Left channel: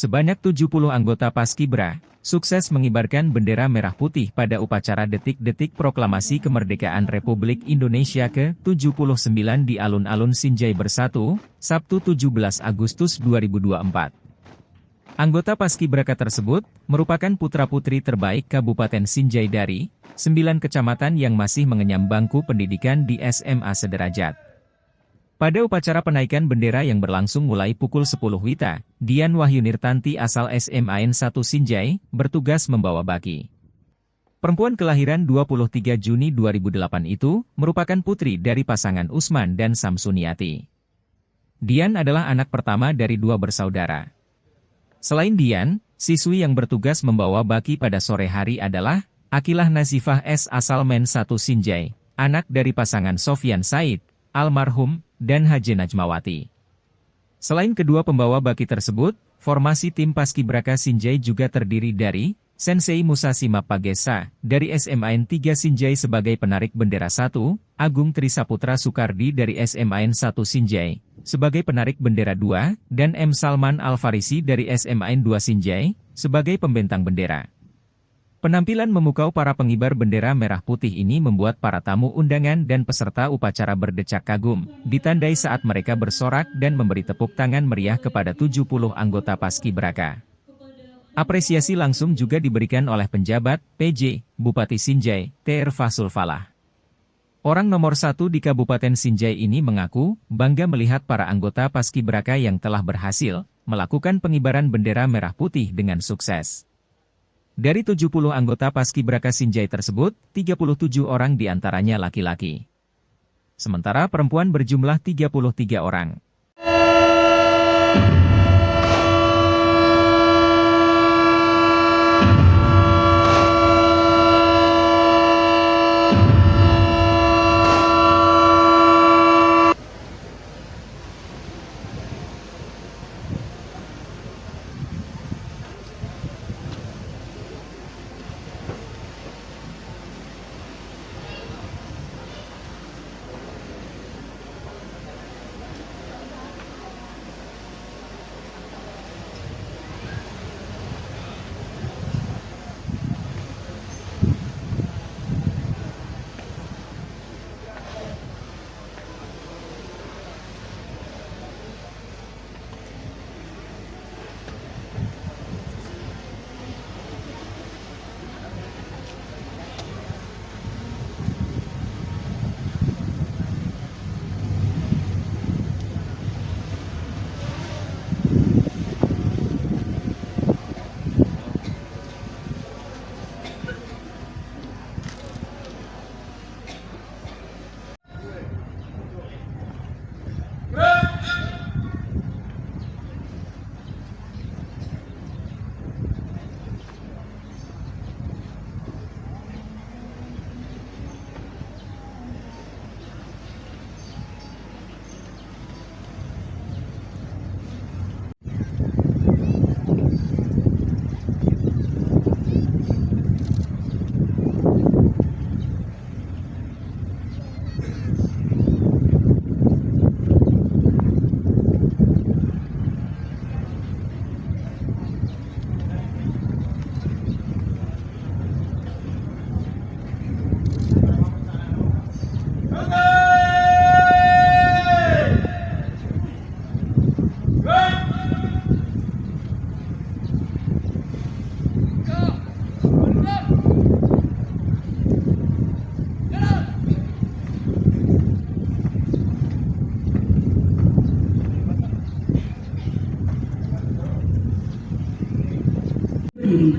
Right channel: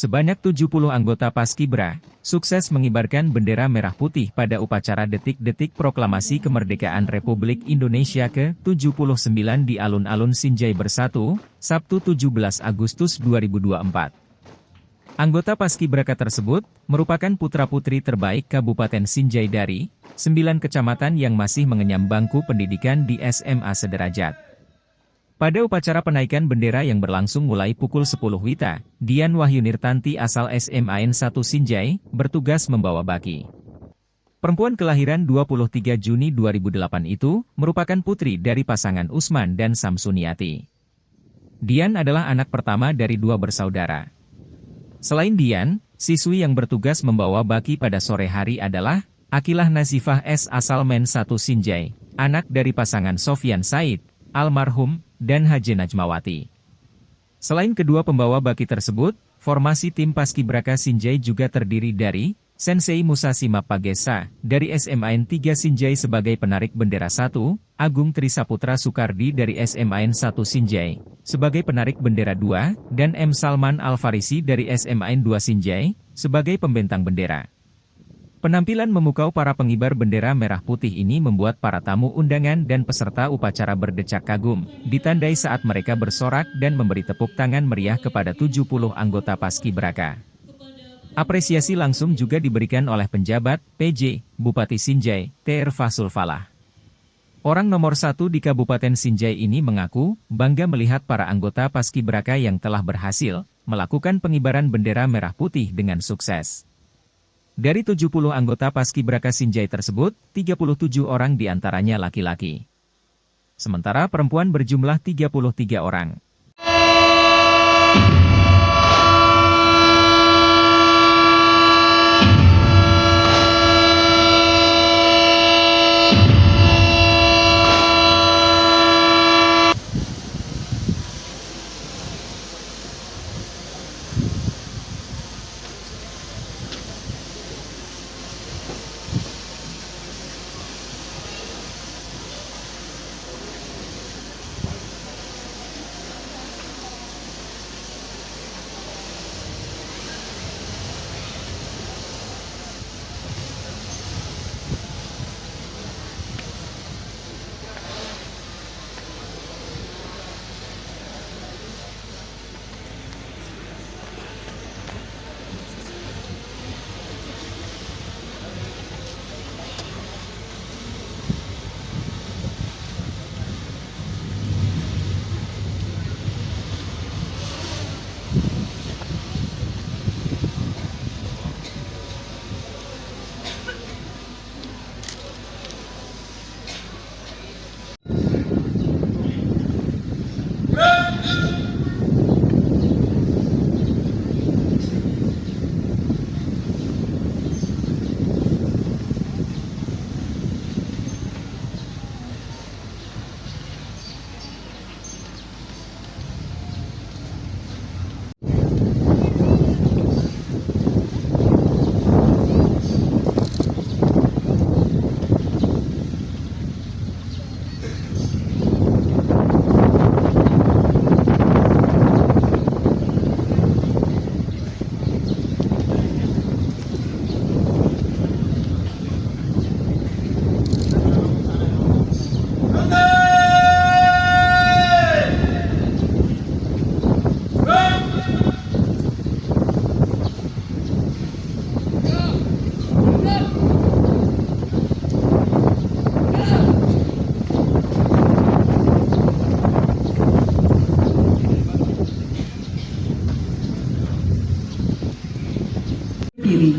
Sebanyak 70 anggota Paskibra, sukses mengibarkan bendera merah putih pada upacara detik-detik proklamasi kemerdekaan Republik Indonesia ke-79 di alun-alun Sinjai Bersatu, Sabtu 17 Agustus 2024. Anggota Paskibraka tersebut, merupakan putra-putri terbaik Kabupaten Sinjai dari 9 kecamatan yang masih mengenyam bangku pendidikan di SMA sederajat. Pada upacara penaikan bendera yang berlangsung mulai pukul 10 WITA, Dian Wahyunirtanti asal SMAN 1 Sinjai, bertugas membawa baki. Perempuan kelahiran 23 Juni 2008 itu, merupakan putri dari pasangan Usman dan Samsuniati. Dian adalah anak pertama dari 2 bersaudara. Selain Dian, siswi yang bertugas membawa baki pada sore hari adalah Akilah Nazifah S. asal Men 1 Sinjai, anak dari pasangan Sofyan Said, almarhum, dan Haje Najmawati. Selain kedua pembawa baki tersebut, formasi tim Paskibraka Sinjai juga terdiri dari Sensei Musashi Mapagesa, dari SMAN 3 Sinjai sebagai penarik bendera 1, Agung Trisaputra Sukardi dari SMAN 1 Sinjai, sebagai penarik bendera 2, dan M. Salman Al-Farisi dari SMAN 2 Sinjai, sebagai pembentang bendera. Penampilan memukau para pengibar bendera merah putih ini membuat para tamu undangan dan peserta upacara berdecak kagum, ditandai saat mereka bersorak dan memberi tepuk tangan meriah kepada 70 anggota Paskibraka. Apresiasi langsung juga diberikan oleh penjabat, PJ, Bupati Sinjai, Tr. Fasul Falah. Orang nomor 1 di Kabupaten Sinjai ini mengaku bangga melihat para anggota Paskibraka yang telah berhasil melakukan pengibaran bendera merah putih dengan sukses. Dari 70 anggota Paskibraka Sinjai tersebut, 37 orang diantaranya laki-laki. Sementara perempuan berjumlah 33 orang. Diri.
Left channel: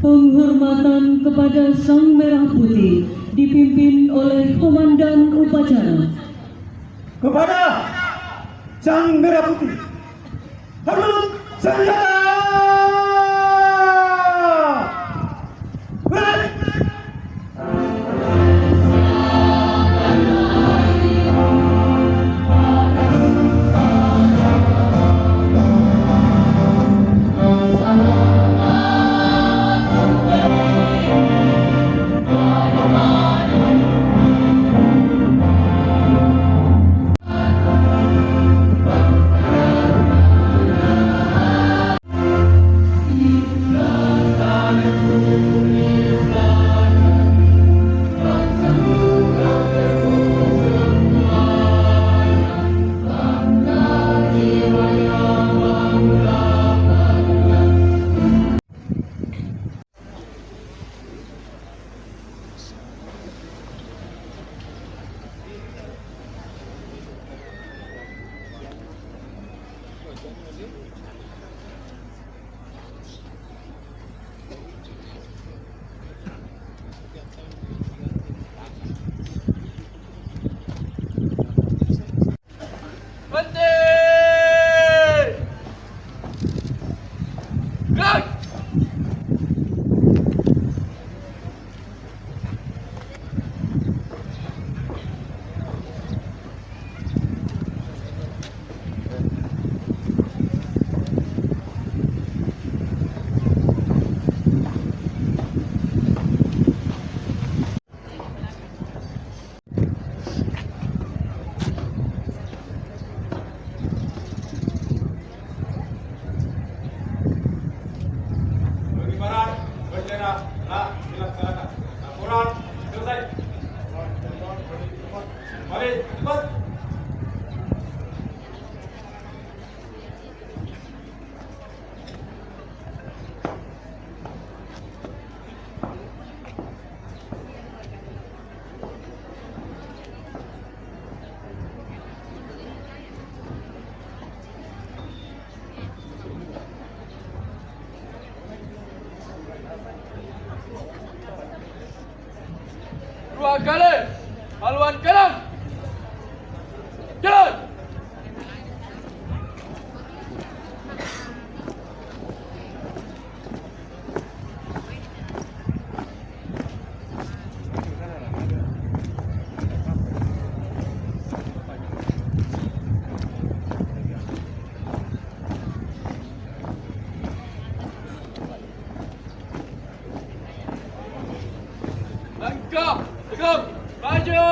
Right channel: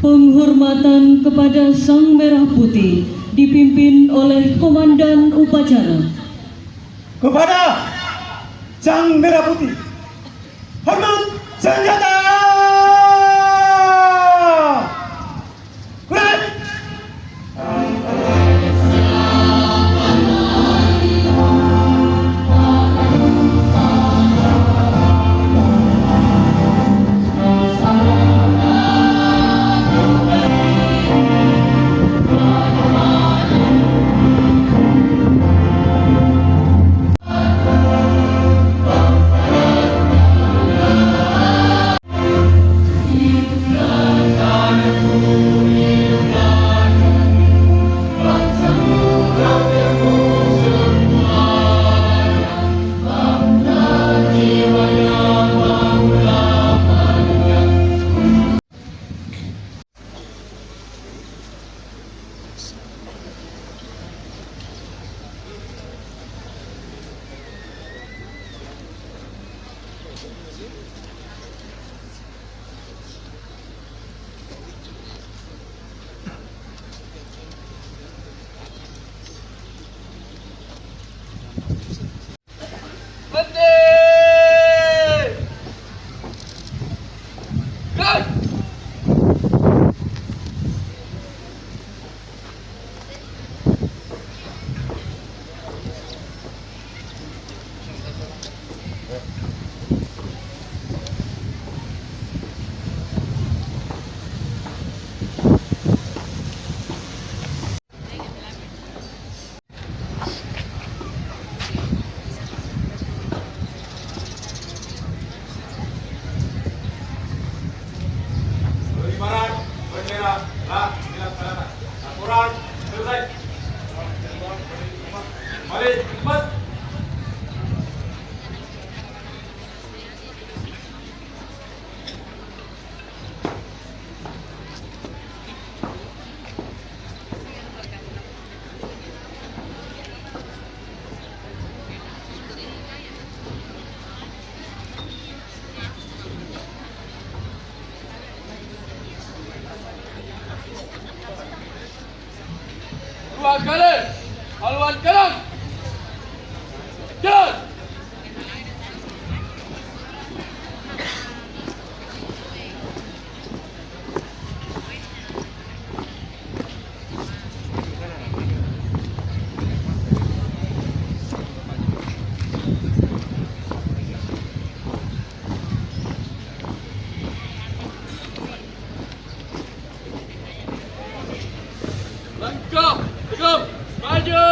Penghormatan kepada Sang Merah Putih dipimpin oleh Komandan Upacara. Kepada Sang Merah Putih, hormat senjata! Red! Pengibaran bendera telah dilaksanakan. Laporan selesai. Mari cepat. Dua kali haluan kanan. Jalan. Langkah tegap maju.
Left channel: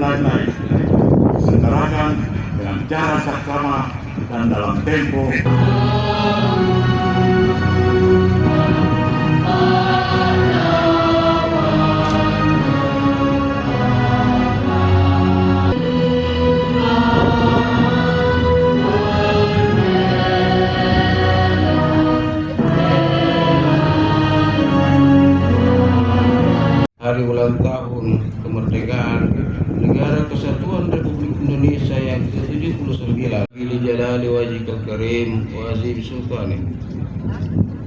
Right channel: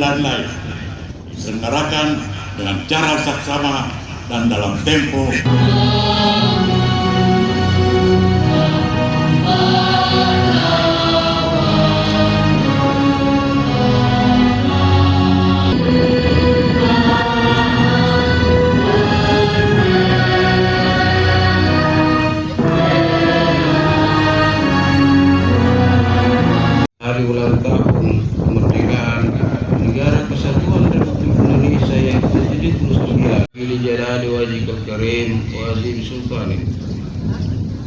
lain-lain. Selenggarakan dengan cara saksama dan dalam tempo Hari ulang tahun kemerdekaan Negara Kesatuan Republik Indonesia yang ke-79. Ili jalali wajhikal karim wa azim sultanik.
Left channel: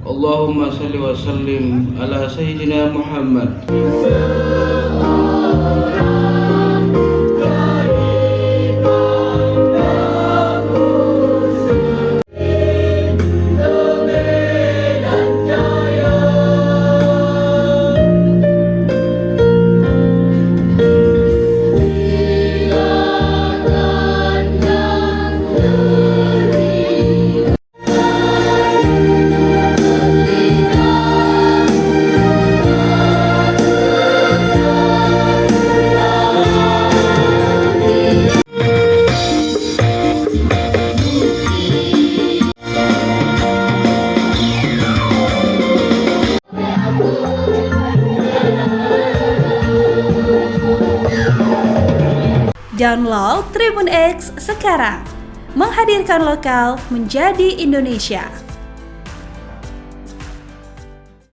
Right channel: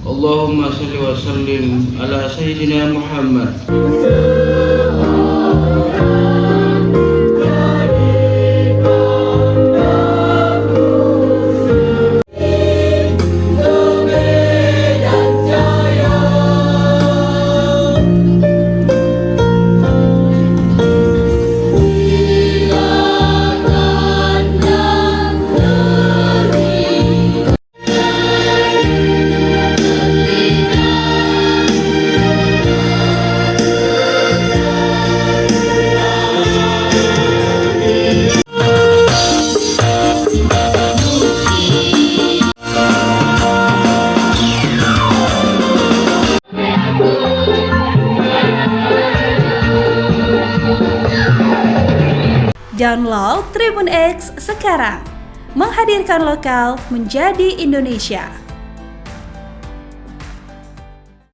Allahumma salli wa sallim ala sayyidina Muhammad. Download Tribun X sekarang, menghadirkan lokal menjadi Indonesia.